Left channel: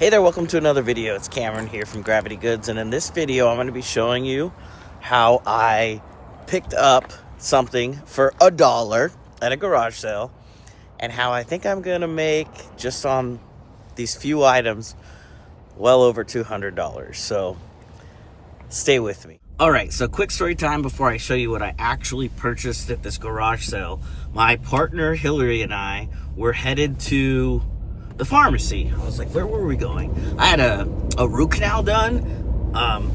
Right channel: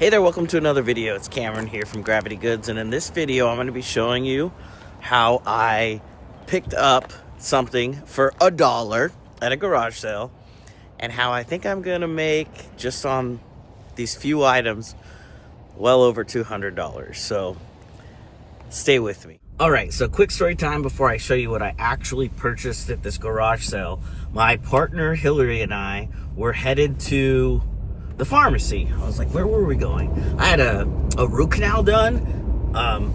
Hey there, welcome to another video. It's Cameron here from Gravity Goods, and in this video I'm going to be showing you how I picked up something for $1 at a garage sale and how I think I'm going to make, just on these few items, well over $200. So stay with me. Alright, so quick story time before I show you what I actually purchased at this garage sale. My partner Hillary and I were headed to the pharmacy. I was like, where were we going? I had a root canal done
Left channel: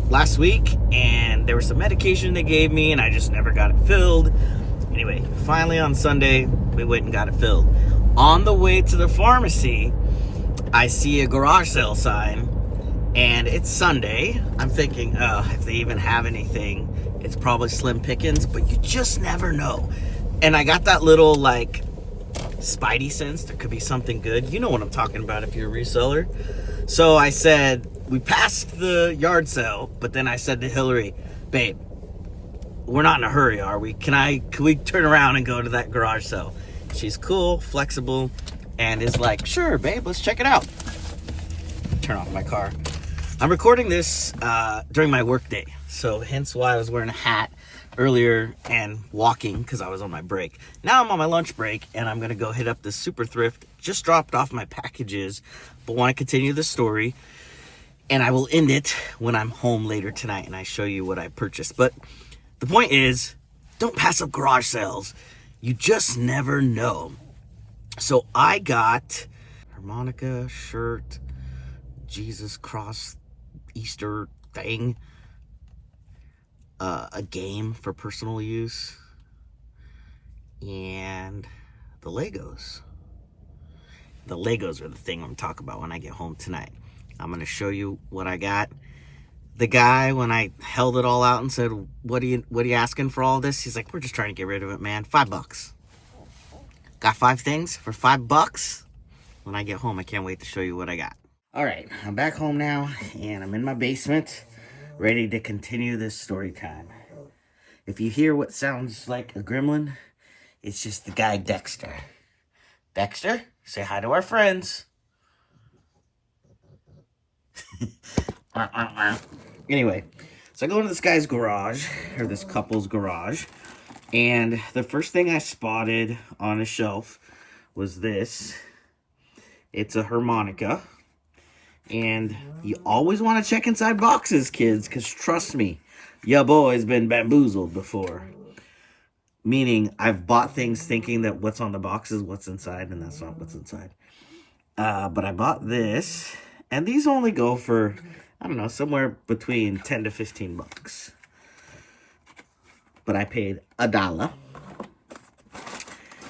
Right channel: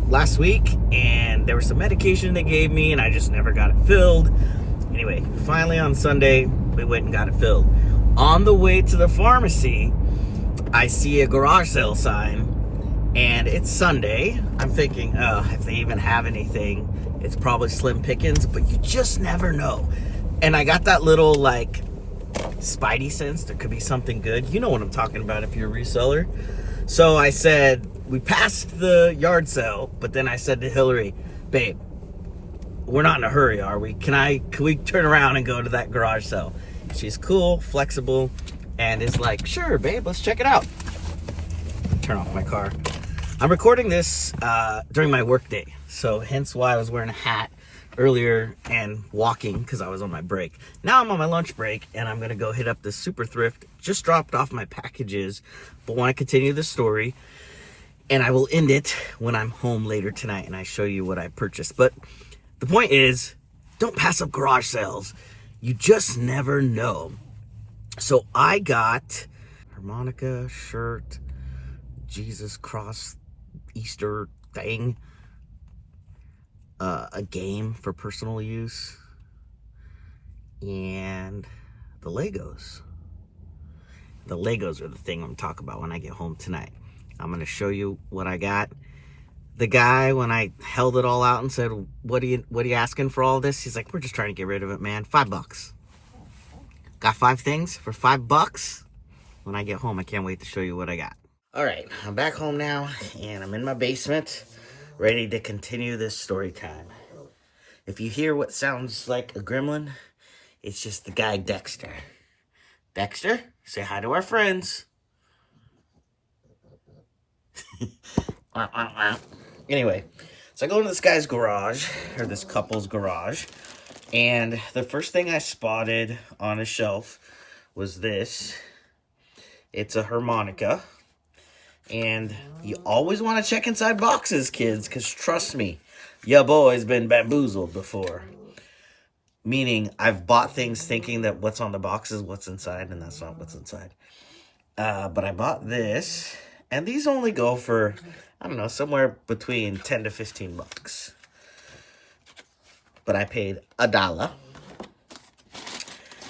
last week, and there was some medication they gave me, and I just never got it filled. Anyway, finally on Sunday, we went and got it filled. On the way to the pharmacy, I see a garage sale sign, and it's Sunday. I'm thinking, oh, if they even have anything, it's probably slim pickings, but you just never know. And I got that little, like, spidey sense there could be something good. You know what I'm talking about if you're a reseller. So I said, we passed the yard sale, but then I said to Hillary, babe, we're not in a hurry, are we? Can we turn around and go to that garage sale? She's cool, flexible, and is like, sure, babe, let's check it out. Turn off my car. I'm recording this during my work day, so hence why I was wearing a hat earlier and walking because I was on my break. Now I'm on my lunch break, and I'm gonna go hit up this super thrift. Just dropped off my packages, but want to continue the story, and I will end it when I'm home later tonight and I show you what I purchased. But the point is, don't pass up garage sales. You just never know. So I got harmonica, shirt, Jesus cross, Easter thing, a game for personal use, and the Legos. The Legos are the thing I'm talking about when I get home tonight. I'm going to show you what I got. The guy, when I held it all out and said, what are you asking for all this? He's like, we're just trying to get rid of it, man. $5. Got 5 things for $5. When I get home, I can't wait to show you what I got. All right, I'm back home now, and I'm in my basement, ready to continue this story time. If you hear what sounds like a gremlin, it's just the guy Dexter. Dexter, say hi to our friends. Anyway, so I go into this guy's garage, or this couple's garage, and the first thing I spotted on a shelf was this. It's a harmonica. And you always want to check inside boxes, kids, because trust me, your boy's been bamboozled before. Meaning, I've bought things thinking that what's on the box is what's inside, and that's not what's inside. But I bought this, and these only go for, I don't know, somewhere between 10 to 15 bucks. But I paid $1.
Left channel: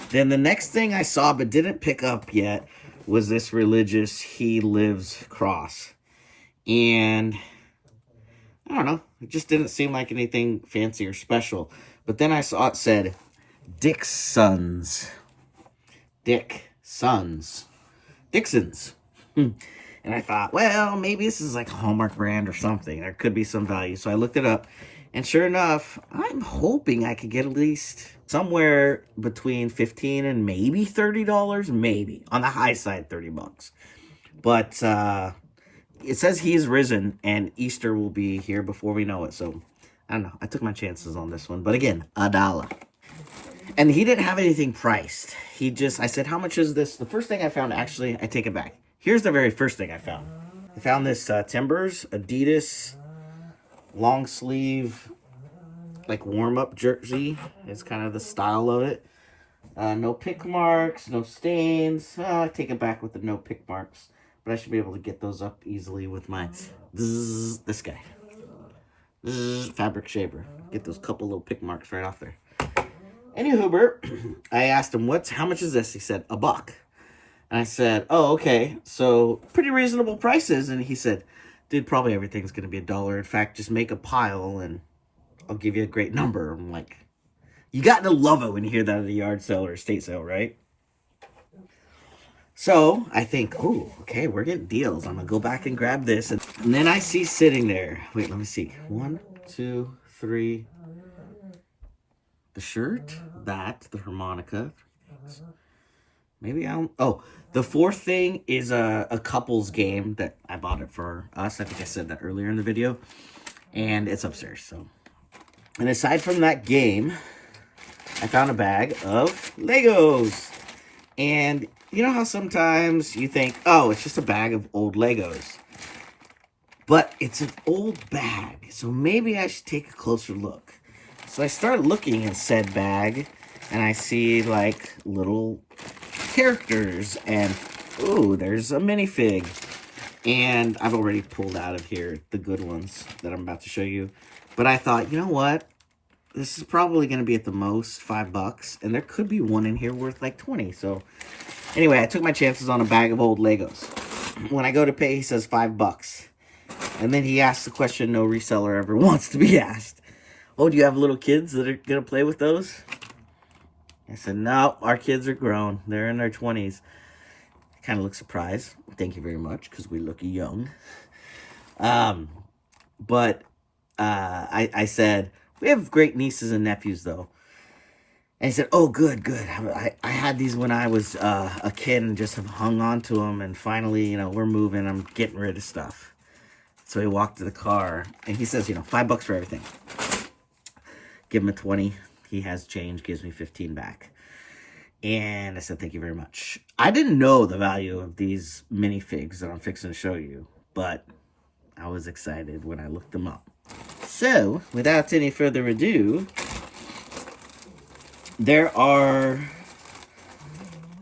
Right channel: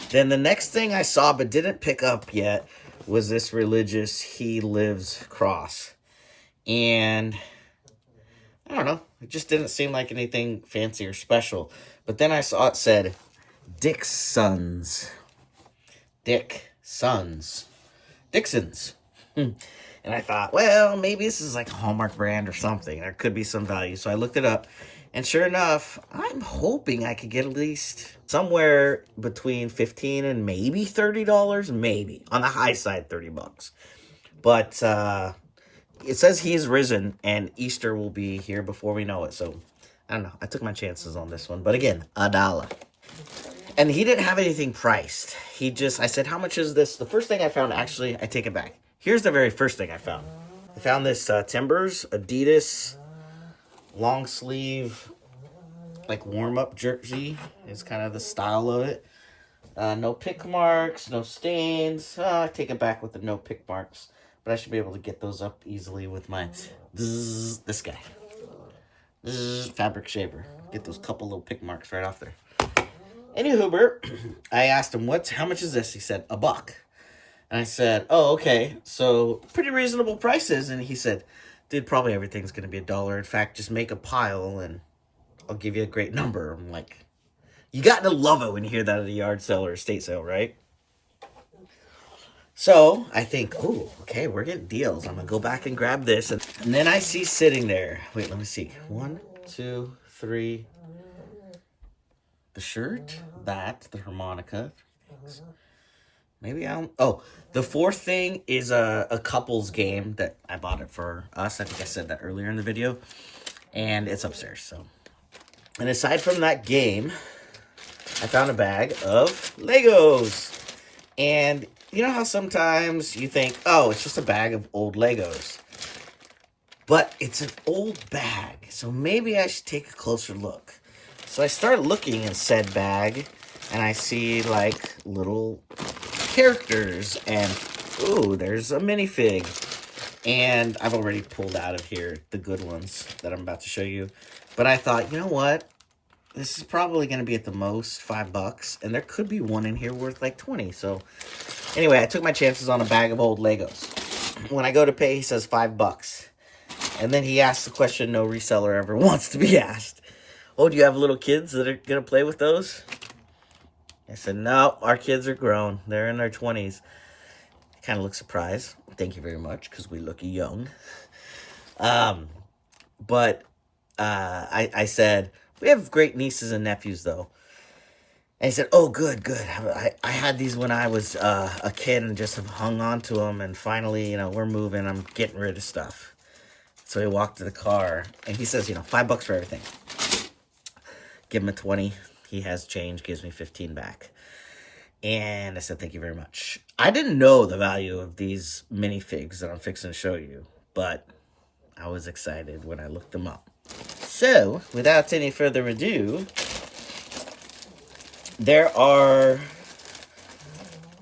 Then the next thing I saw but didn't pick up yet was this religious He Lives cross. And I don't know, it just didn't seem like anything fancy or special. But then I saw it said Dick's Sons. Dixons. And I thought, well, maybe this is like a Hallmark brand or something. There could be some value. So I looked it up. And sure enough, I'm hoping I could get at least somewhere between $15 and maybe $30. Maybe. On the high side, 30 bucks. But it says He's risen, and Easter will be here before we know it. So, I don't know. I took my chances on this one. But again, $1. And he didn't have anything priced. I said, how much is this? The first thing I found, actually, I take it back. Here's the very first thing I found. I found this Timbers Adidas long sleeve, like warm-up jersey is kind of the style of it. No pick marks, no stains. I take it back with the no pick marks, but I should be able to get those up easily with my this guy, fabric shaver. Get those couple little pick marks right off there. Anywho, I asked him, how much is this? He said, $1. And I said, oh, okay, so pretty reasonable prices. And he said, dude, probably everything's going to be $1. In fact, just make a pile and I'll give you a great number. I'm like, you got to love it when you hear that at a yard sale or estate sale, right? So I think, oh, okay, we're getting deals. I'm going to go back and grab this. And then I see sitting there, wait, let me see. 1, 2, 3. The shirt, the harmonica, Maybe I don't. Oh, the fourth thing is a couples game that I bought it for us. I think I said that earlier in the video. And it's upstairs, so. And aside from that game, I found a bag of Legos. And you know how sometimes you think, oh, it's just a bag of old Legos. But it's an old bag, so maybe I should take a closer look. So I start looking in said bag, and I see, like, little characters. And, ooh, there's a minifig. And I've already pulled out of here the good ones that I'm about to show you. But I thought, you know what? This is probably going to be at the most $5. And there could be one in here worth like 20. So anyway, I took my chances on a bag of old Legos. When I go to pay, he says $5. And then he asks the question no reseller ever wants to be asked. Oh, do you have little kids that are going to play with those? I said, no, our kids are grown. They're in their 20s. Kind of look surprised. Thank you very much, because we look young. But I said, we have great nieces and nephews, though. And he said, oh, good. I had these when I was a kid and just hung on to them. And finally, you know, we're moving. I'm getting rid of stuff. So he walked to the car, and he says, you know, $5 for everything. Give him a 20. He has change, gives me 15 back. And I said, thank you very much. I didn't know the value of these minifigs that I'm fixing to show you, but I was excited when I looked them up. So, without any further ado, there are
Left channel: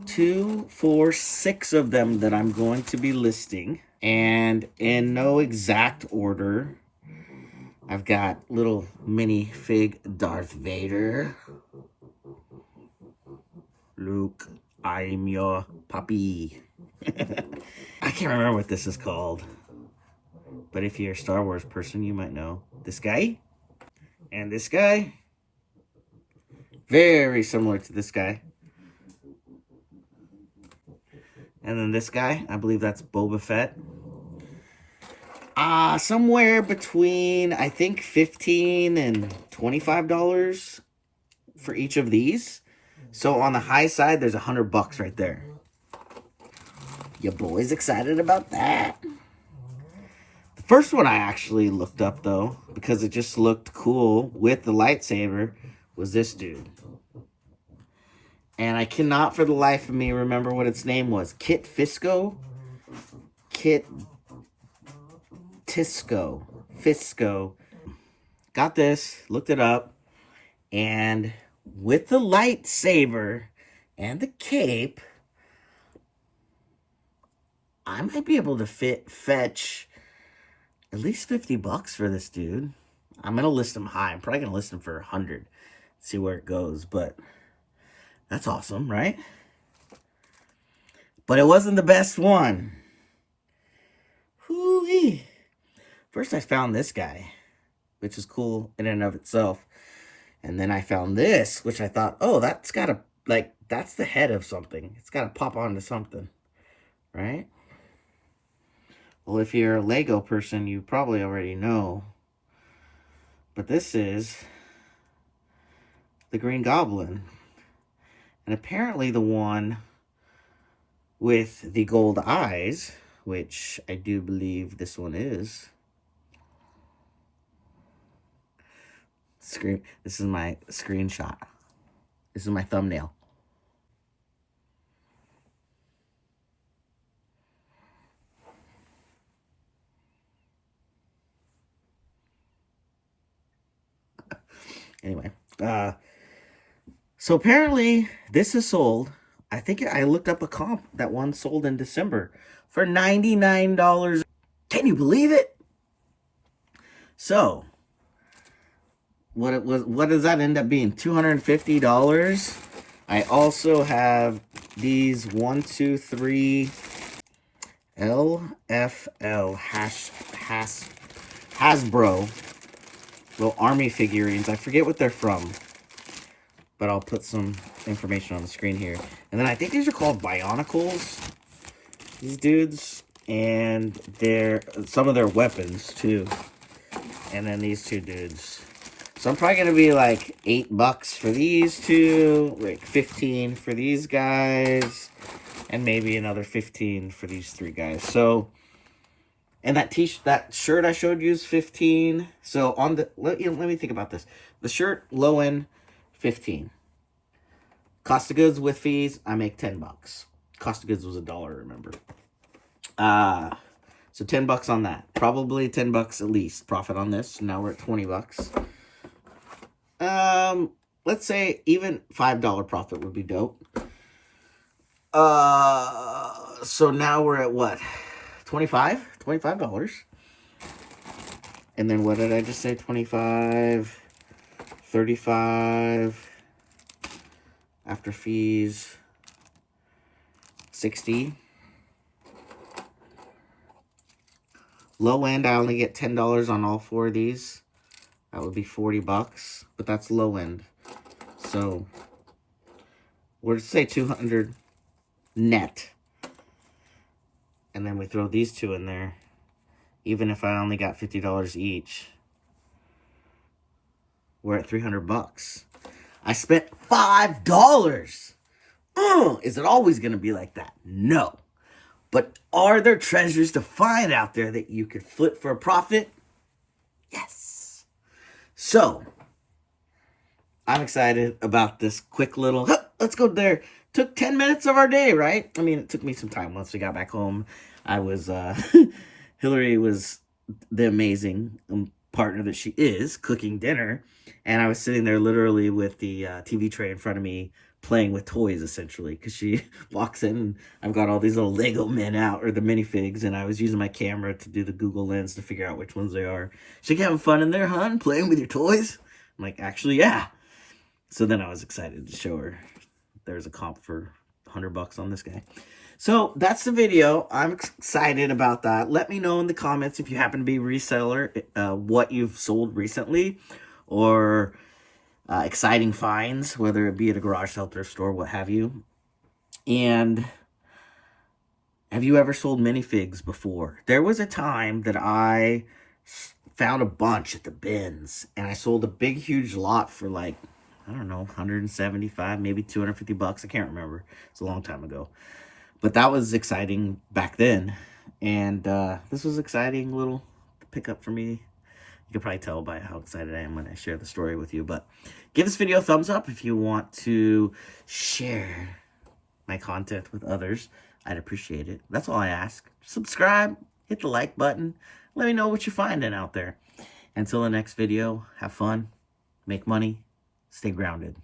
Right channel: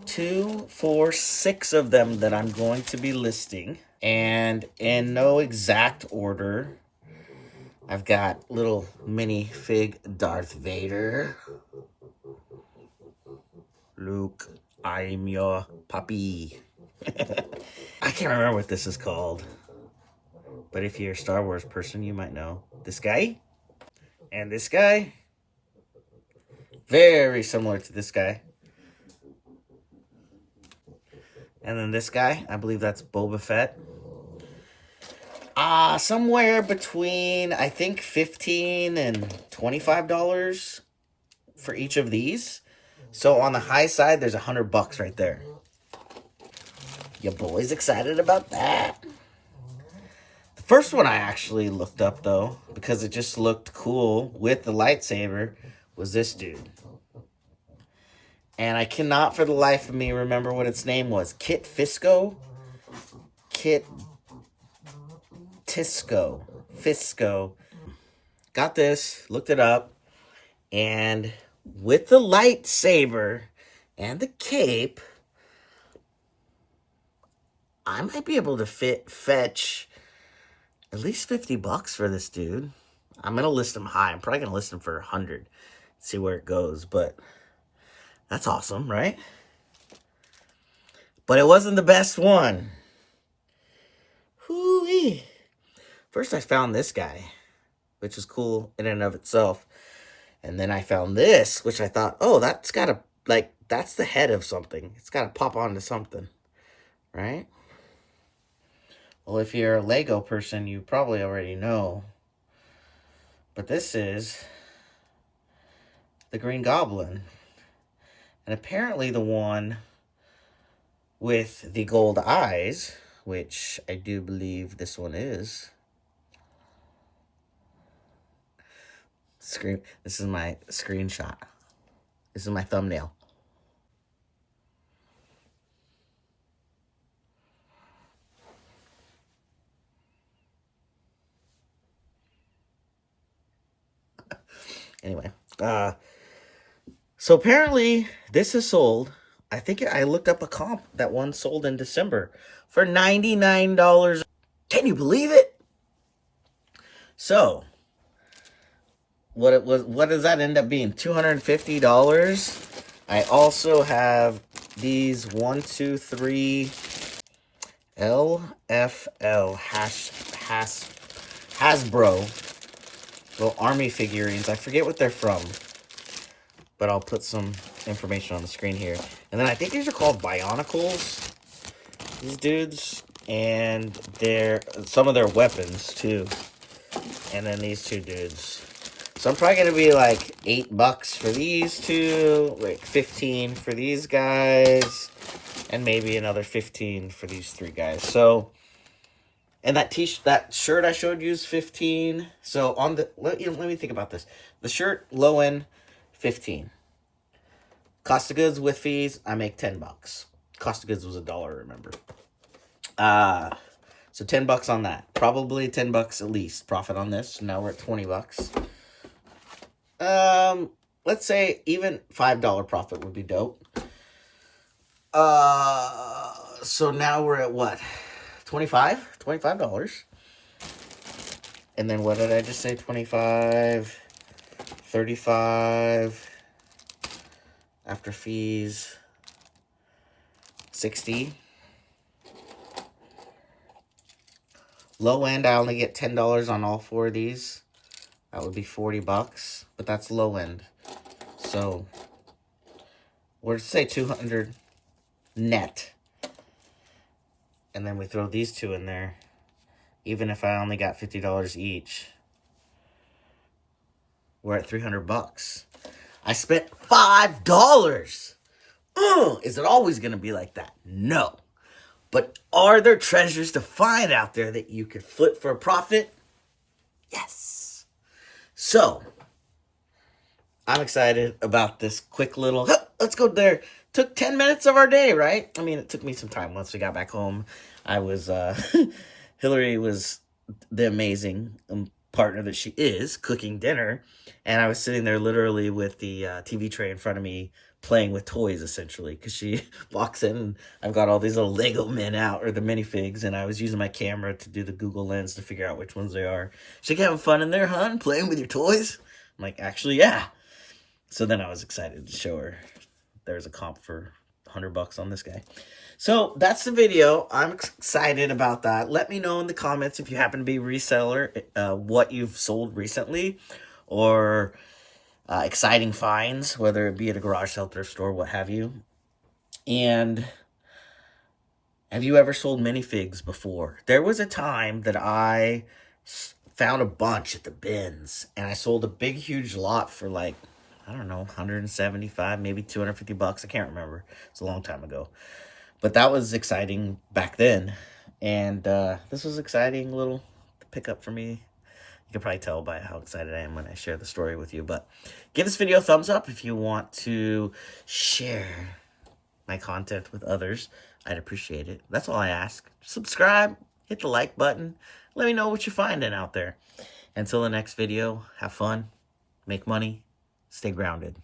2, 4, 6 of them that I'm going to be listing. And in no exact order, I've got little minifig Darth Vader. Luke, I'm your puppy. I can't remember what this is called. But if you're a Star Wars person, you might know. This guy. And this guy. Very similar to this guy. And then this guy. I believe that's Boba Fett. Somewhere between, I think, $15 and $25 for each of these. So on the high side, there's $100 right there. Your boy's excited about that. The first one I actually looked up, though, because it just looked cool with the lightsaber, was this dude. And I cannot for the life of me remember what its name was. Kit Fisto? Kit Tisco. Fisco. Got this, looked it up, and with the lightsaber and the cape, I might be able to fetch at least $50 for this dude. I'm going to list him high. I'm probably going to list him for 100. See where it goes, but that's awesome, right? But it wasn't the best one. Hoo-wee. First I found this guy, which is cool in and of itself. And then I found this, which I thought, oh, that's got to, like, that's the head of something. It's got to pop onto something, right? Well, if you're a Lego person, you probably already know. But this is the Green Goblin. And apparently the one with the gold eyes, which I do believe this one is. This is my screenshot. This is my thumbnail. Anyway, so apparently this is sold. I think I looked up a comp that one sold in December for $99. Can you believe it? So what does that end up being? $250. I also have these 1, 2, 3 LFL Hasbro little army figurines. I forget what they're from, but I'll put some information on the screen here. And then I think these are called Bionicles, these dudes, and they're some of their weapons too. And then these two dudes. So I'm probably going to be like $8 for these two, like 15 for these guys, and maybe another 15 for these three guys. So, and that that shirt I showed you is 15. So on the, let me think about this. The shirt, low end, 15. Cost of goods with fees, I make $10. Cost of goods was $1, remember. So $10 on that. Probably $10 at least profit on this. Now we're at $20. Let's say even $5 profit would be dope. So now we're at what? $25? And then what did I just say? 25, 35, after fees, 60. Low end, I only get $10 on all four of these. That would be $40, but that's low end. So, we'll say 200 net. And then we throw these two in there. Even if I only got $50 each, we're at $300. I spent $5. Is it always going to be like that? No. But are there treasures to find out there that you could flip for a profit? Yes. So, I'm excited about this quick little, let's go there. Took 10 minutes of our day, right? I mean, it took me some time. Once we got back home, I was, Hillary was the amazing partner that she is, cooking dinner. And I was sitting there literally with the TV tray in front of me, playing with toys, essentially. Because she walks in, and I've got all these little Lego men out, or the minifigs. And I was using my camera to do the Google Lens to figure out which ones they are. She's like, having fun in there, hon? Playing with your toys? I'm like, actually, yeah. So then I was excited to show her there's a comp for $100 on this guy. So that's the video. I'm excited about that. Let me know in the comments if you happen to be a reseller, what you've sold recently, or exciting finds, whether it be at a garage sale, thrift store, what have you. And have you ever sold minifigs before? There was a time that I found a bunch at the bins, and I sold a big, huge lot for like, I don't know, 175, maybe $250. I can't remember. It's a long time ago. But that was exciting back then. And this was exciting little pickup for me. You can probably tell by how excited I am when I share the story with you. But give this video a thumbs up if you want to share my content with others. I'd appreciate it. That's all I ask. Subscribe, hit the like button. Let me know what you're finding out there. Until the next video, have fun, make money, stay grounded.